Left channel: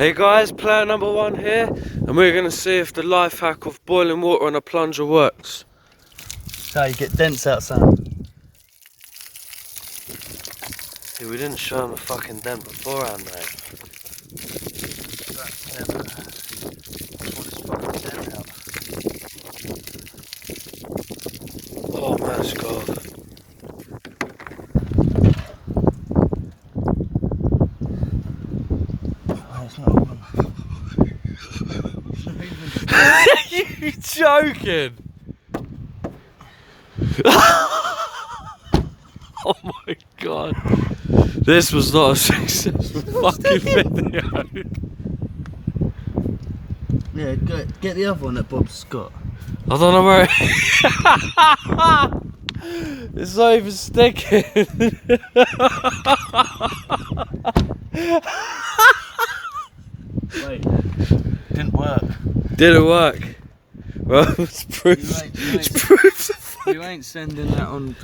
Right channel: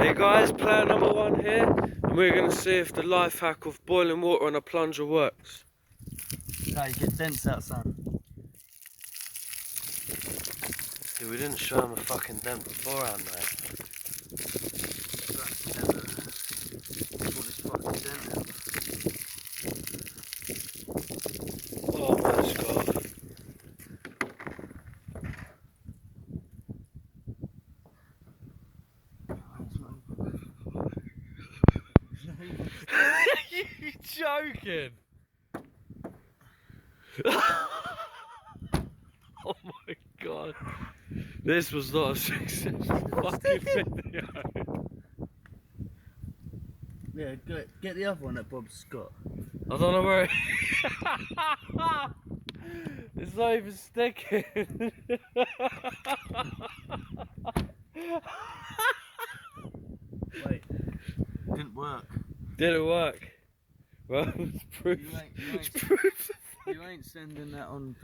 Hey guys, player number 1 here, and we're going to see if the life hack of boiling water on a plunger works. How you get dents out, Sam? See, we didn't show him a fucking dent beforehand, mate. Oh, let's go. You joking? Oh my god. This was not a successful fucking video. Yeah, get the other one that Bob's got. I don't know where it's not even sticking. Wait, didn't work. Didn't work. Well, it's proof. You ain't It's proof. You ain't sending that on.